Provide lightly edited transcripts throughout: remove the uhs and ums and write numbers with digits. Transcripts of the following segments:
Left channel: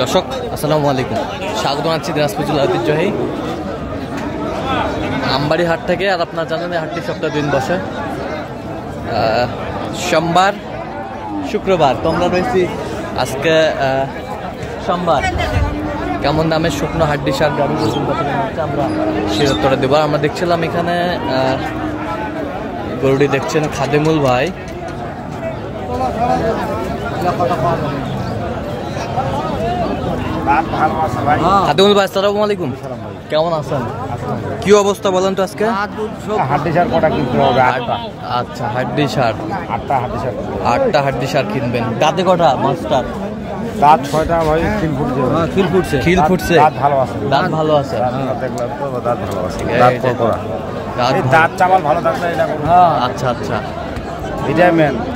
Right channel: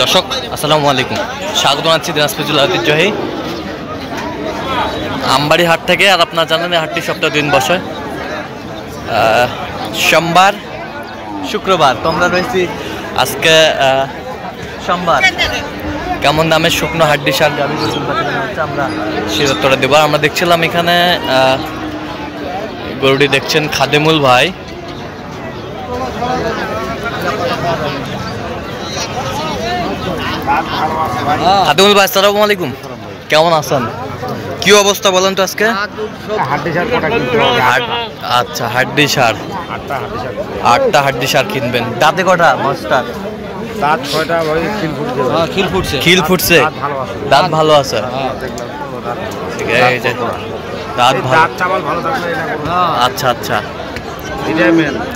দর্শক আসসালামু আলাইকুম, স্বাগত জানাচ্ছি দিনাজপুর জেলা ঐতিহ্যবাহী আমবাড়ি হাট থেকে। আর আপনারা জানেন এই হাটটি সপ্তাহে 2 দিন বসে, সোমবার শুক্রবার। তো আমরা রয়েছি আজকে সোমবার। কেমন দামের শুকনো হাড্ডি সার গাভী গরু হচ্ছে আমরা সে উত্তরে দেবো। আমরা দেখছিলাম এখানে গরুটি দেখছেন খাদেমুল ভাই। খাদেমুল ভাই আসসালামু আলাইকুম, কেমন আছেন? কি অবস্থা বলেন তো আজকে? আচ্ছা, হাড্ডি সার 8টা হাড্ডি সার কিনবেন। দাঁতে কটা মাস্টার? দাঁত 6টা ভাই, খিল ফুটছে, দাঁত ভালো আছে। দাঁত ভালো। আচ্ছা আচ্ছা,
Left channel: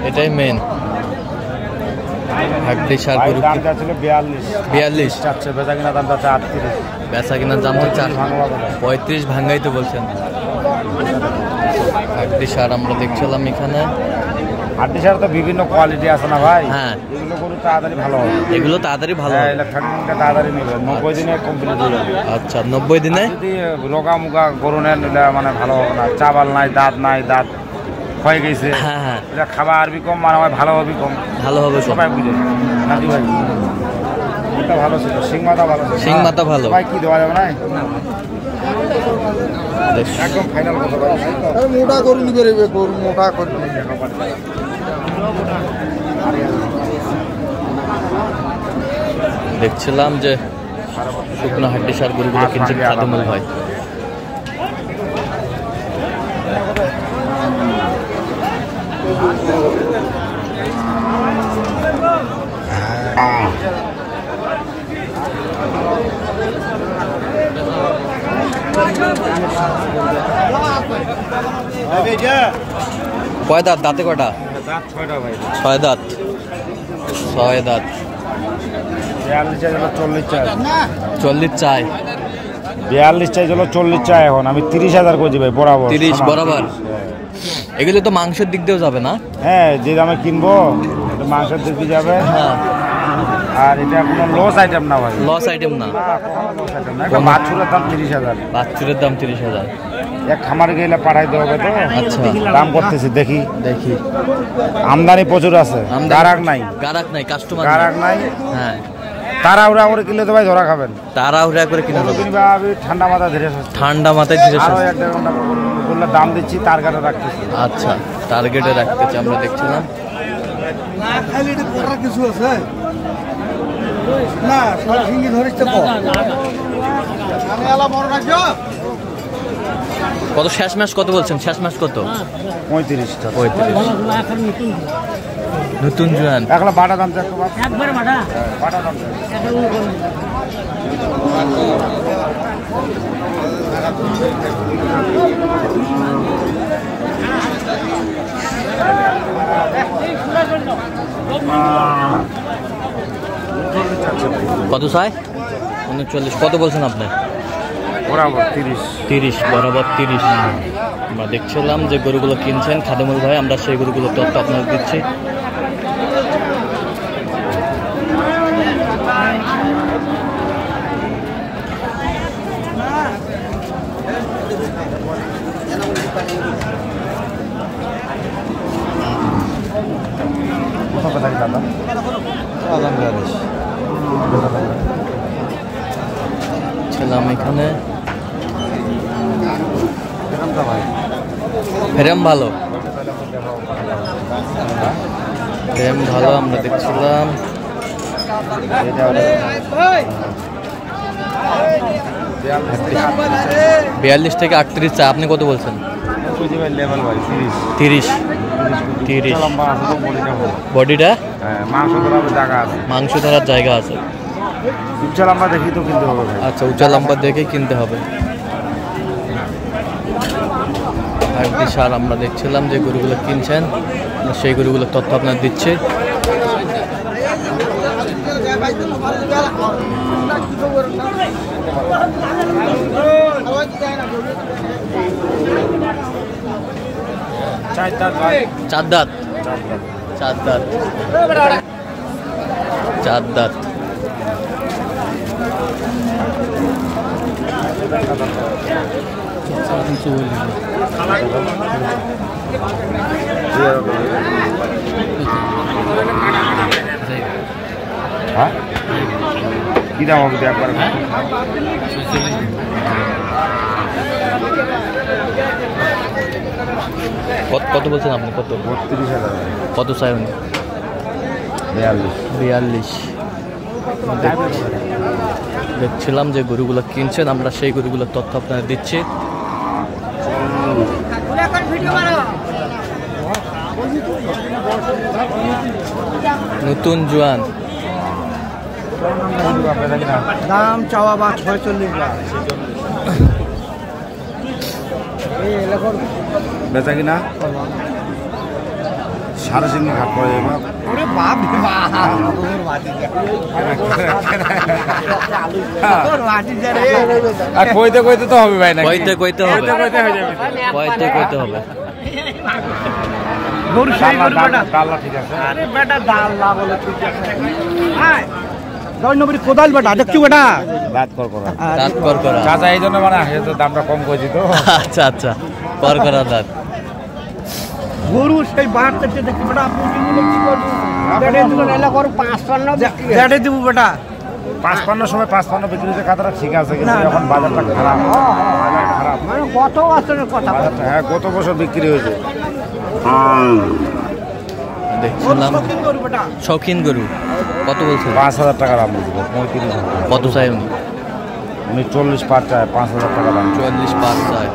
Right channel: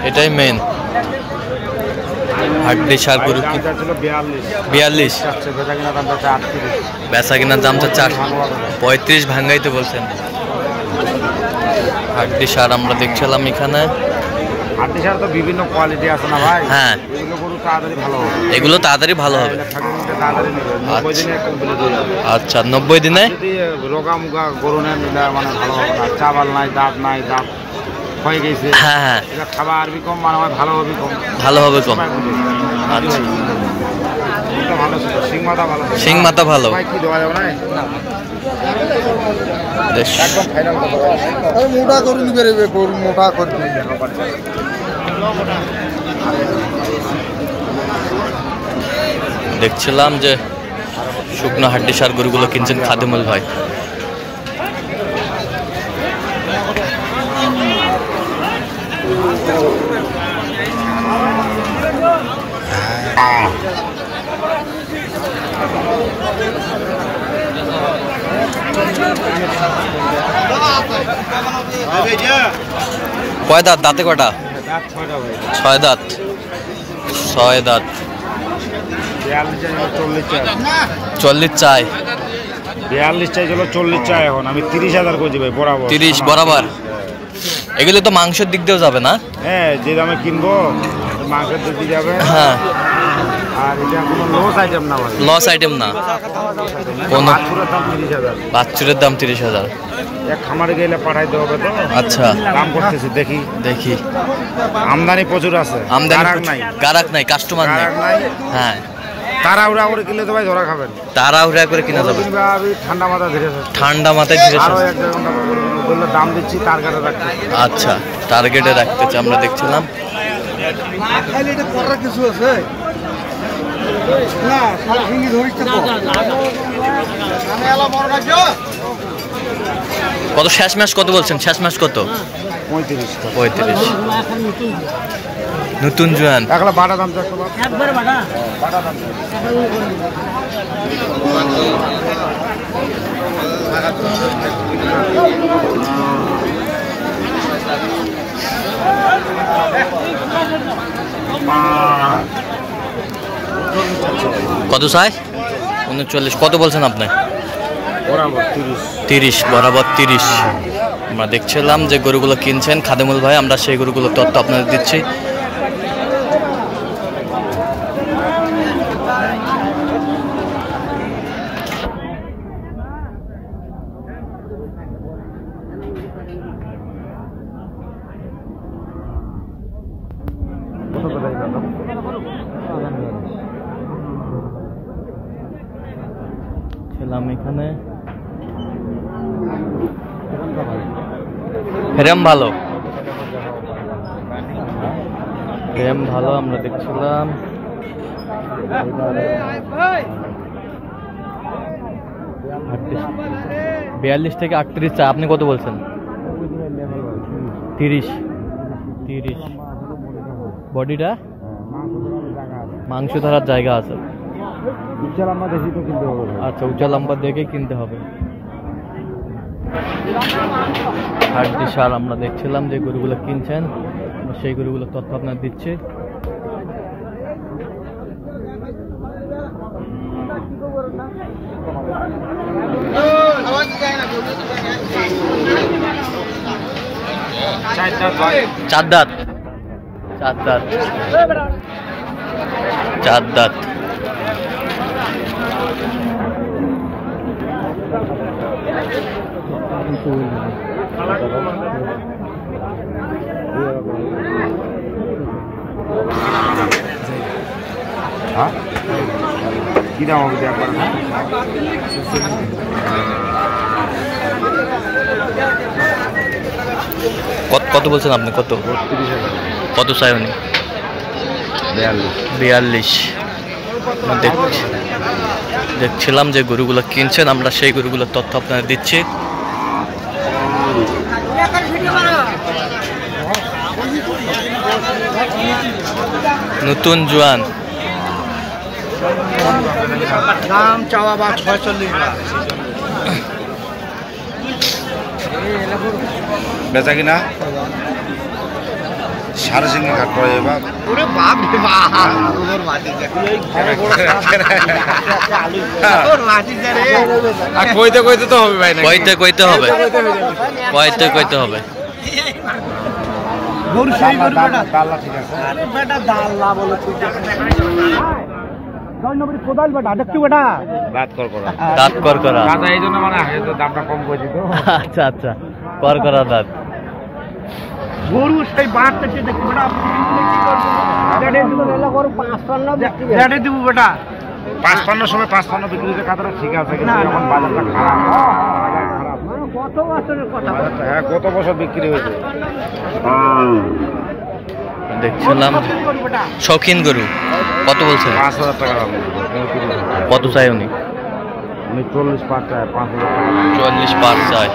এটাই মেন হাড্ডি সার গরু। 42, বেচা কিনার দামটা 35 ভাঙ্গাইতে বলছেন। হাড্ডি সার আমরা দেখছিলাম এখানে। হাড্ডি সার তো বিভিন্ন কোয়ালিটি আছে না ভাই? হ্যাঁ, এগুলো তাড়াতাড়ি ভালো হবে। আচ্ছা, 90 দিনে রোগা মুগা গরু নিলে মানে ভালো হবে না। চাবাল নাই, দাঁত নাই, দাঁত হয়ে গেছে। হ্যাঁ হ্যাঁ, এটা খাবার আরবি কম, মানে ভালো হবে কম। আচ্ছা, সিং মাথা ভালো, সিং মাথা ভালো। কি দেওয়া যাবে না? মোটা করে নিবে, মোটা করে দেখছিলাম যে শুকনো হাড্ডি সার গরুগুলো কিনছেন খাদেমুল ভাই। কয় দাঁত? দাঁতে কটা? 6 দাঁত। 6 দাঁত। 40 চাই। 42 চাই, চলো 40 চাই। এখন আমি 30,000 করছি ভাই, বরাবর 30 বরাবর। এগুলো তো মাংসের দিক দিয়েও যাবে না? হ্যাঁ, যে দামে কিনবো মাংসের দিক দিয়ে যাবে। হ্যাঁ, আর এটা কোনো লস আইটেম না ভাই, লস আইটেম না। কোন বাছুরের দাম 30,000। বাছুরের দাম 30,000। এক খামারে গেলে পাঠাইতে হবে তো। আচ্ছা, দাম করতেছি, দেখি আমদানি প্রচুর আছে, গারাক নাই, কাস্টমার নাই। হ্যাঁ, তাড়াহুড়া করে কিনলে তো ভাই ধরা খাবেন। তাড়াহুড়া করে কিনা যাবে। ঠান্ডা মাথায় ধীরে আরো 1-1.5 ঘন্টা বললে দাম দিচ্ছি, টার্গেটে রাখছি। আচ্ছা, টার্গেটে রাখতেছি। আমরা দেখছিলাম কিছু আছে কত শেষ ম্যাচ কত বলছেন? শেষ ম্যাচ কত? 35। নতুন জোয়ান একলা বাটা দাম তো একবার বাটা দাম কত চাই? 39। কত বলছেন আপনি? বরাবর 30। বরাবর 30। আমরা দেখছিলাম যে গরুগুলো কিনছেন খাদেমুল ভাই, আমরা সেই গরুগুলোর তথ্য আপনাদের দিচ্ছি। ছিলাম এখানে ফ্রেম ভালো, আমরা দেখছিলাম। 42 থেকে 38 চা। আপনি কত বলছেন? 30। বডিটা মাংস ধরার জায়গা আছে। উচ্চা লম্বা দেখি তো কিনতে হবে ভাই। আচ্ছা, উচ্চা লম্বা দেখেই কিনতে হবে। হাড্ডি সার আমরা দেখছিলাম যে গরুগুলো কিনছেন, সেই গরুগুলোর তথ্য আপনার দিচ্ছে। চার দাঁত হ্যাঁ কি দাম হবে একবার? কত বলছেন আপনি? কত? 32,000। কত চাই উনি? 42। দেখছিলাম যে গরুগুলো কিনছেন, আমরা সেই গরুগুলোর তথ্য আপনাদের দিচ্ছি। নতুন জোয়ান দাম চাওয়া বা 46 লাখ। বেচা কিনা 3.5 ঘাট পড়ে এবার। ওরে বাপ রে বাপ, ওর মাটি যা ওর মাটি যা রে। আর কইতে তো হবে ভাই, না কইতে হবে, কইতে হবে। গরু সেই গরু বেটা। ডাল্লা ঠিক আছে। আরে বেটা দাল্লা বলে তুই যা। নম্বর কোদাল বেটা দেখছো বেটা, দাঁত করা দাঁত করা। চাচা এই জন্য মানে আসে তো দামটা কম করেছি তো। আচ্ছা করা দাঁত। গরু সেই বাট থেকে দেখি বেটা, আপনি কি করবেন? বেটা দিব এলা গরু 55 বিক্রি হয়। বেটা দিব বেটা 55 সময় 55 বিক্রি হচ্ছে কাতরা ঠিক আছে, কিন্তু এখন বাজারটা খারাপ। মানে কত বছরের কথা? হ্যাঁ গত বছর বিক্রি হয়েছে। দেখছিলাম শৌখিন গরু। কত বলছেন? 5,000 টাকা দাম বলছিল। কত চাই উনি? 40 পার চায়, 5,000 টাকা দাম। 44 পার চাই।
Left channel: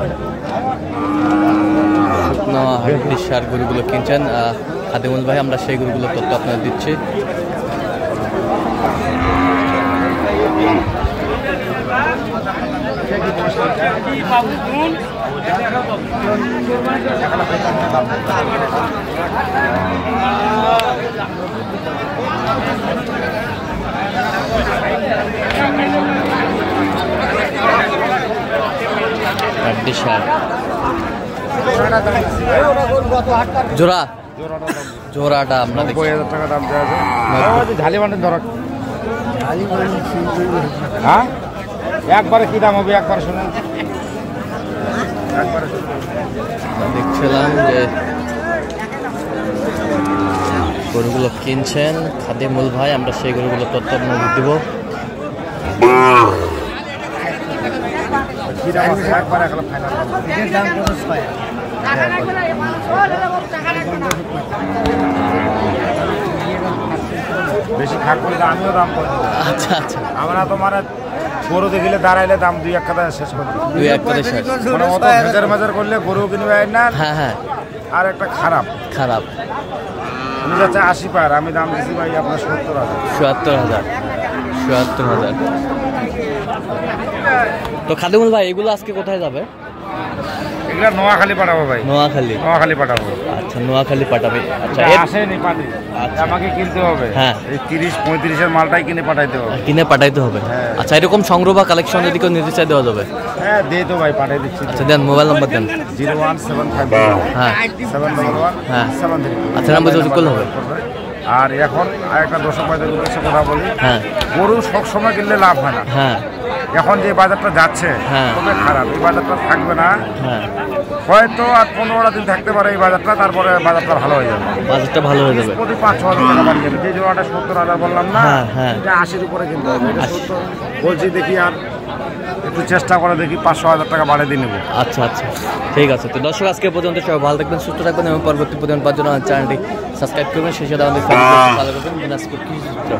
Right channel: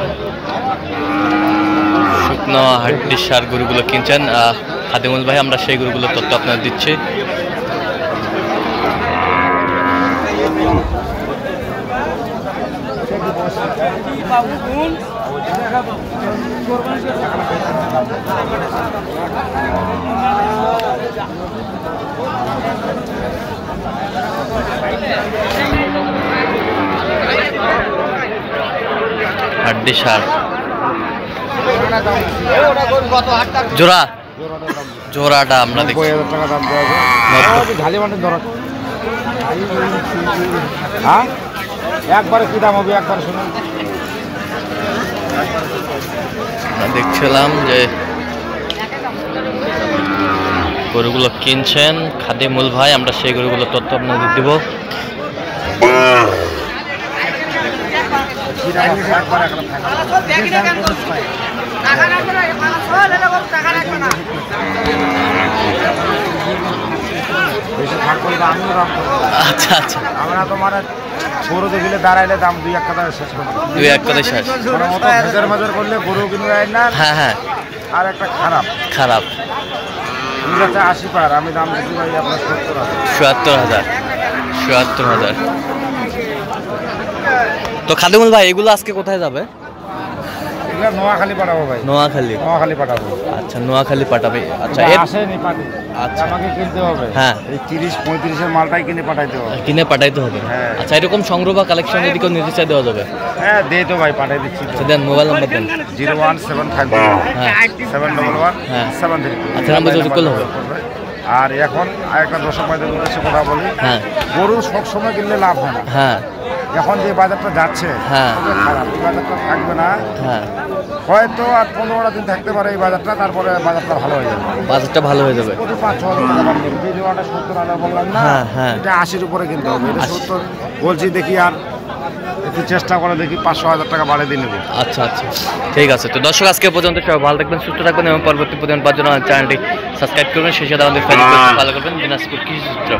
শুকনো হাড্ডির সার গরুগুলো কিনছেন খাদিমুল ভাই, আমরা সেই গরুগুলোর তথ্য আপনাদের দিচ্ছি। হাড্ডি সার জোড়াটা আমরা দেখছি 90,000 টাকা দাম দেওয়া আছে। ঢালি মানে ধরা হ্যাঁ একবারে কি দাম হবে একবার শুনুন। আমরা দেখছিলাম যে গরুগুলো কিনছেন খাদিমুল ভাই, আমরা সেই গরুগুলো তথ্য আপনাদের দিব। বেশি থাক করলে আমিও দাম করবো। আচ্ছা আমরা তো মানে গরু দেখিলে দাঁড়াইলে দাম 2-1 কথা শেষ করি। 2-1 কথা শেষ। মানে অত ভেজার করলে গরু কিনবে না। হ্যাঁ আর একটা খারাপ আমি যাচ্ছে 80 পার, আমি দাম দিচ্ছি ভাই আপনার 70,000। 77,000। তো খাদিমুল ভাই এগুলো আজকে কোথায় যাবে? এগুলা নোয়াখালী পাঠাবো ভাই। নোয়াখালী পাঠাবো। আচ্ছা নোয়াখালী পাঠাবে। আচ্ছা আসেনি পাটি, আচ্ছা আমাকে কিনতে হবে। হ্যাঁ এই 30-35 এর মালটাই কিনে পাঠাইতে হবে। হ্যাঁ। আচ্ছা এরকম সংগ্রহ বা কালেকশন যদি কেউ নিতে চাই দেওয়া যাবে? হ্যাঁ দে তো ভাই, পাঠাই দিচ্ছি। আচ্ছা দেন, মোবাইল নাম্বার দেন। 01750 হ্যাঁ 711 হ্যাঁ 73। আচ্ছা নাম্বার যোগাযোগ করলে হবে। আর এখন আরেকটা দর্শক ভাইদের উদ্দেশ্যে কথা বলি, হ্যাঁ গরু সব সময় কিনলে লাভ হয় না। হ্যাঁ এখন যে বাজারটা যাচ্ছে হ্যাঁ। খুবই খারাপ, এই বাজারটা থাকবে না। হ্যাঁ হয়তো আর 15টা দিন থাকতে পারে এই বাজারটা, তারপরে বাজারটা ভালো হয়ে যাবে। বাজেটটা ভালো হয়ে যাবে। প্রতি 5-6 হাজার টাকা বাড়িয়ে যাবে। যে জোড়াটা 70,000 বললাম না, হ্যাঁ এটা 80-র উপরে কিনতে হবে। এটা 80 70 বলছি, দেখি আর একটু চেষ্টা করে দেখি 500,000 টাকা বাড়িয়ে দিয়ে নেবো। আচ্ছা ঠিক আছে। তো দর্শক আজকে পর্যন্ত সবাই ভালো থাকবেন, সুস্থ থাকবেন এবং পরবর্তী প্রতিদিন পাওয়ার জন্য চ্যানেলটি সাবস্ক্রাইব করবেন। সেই সাথে আমাদের ফেসবুক ফলো করবেন দিনাজপুর কৃষি চিত্র।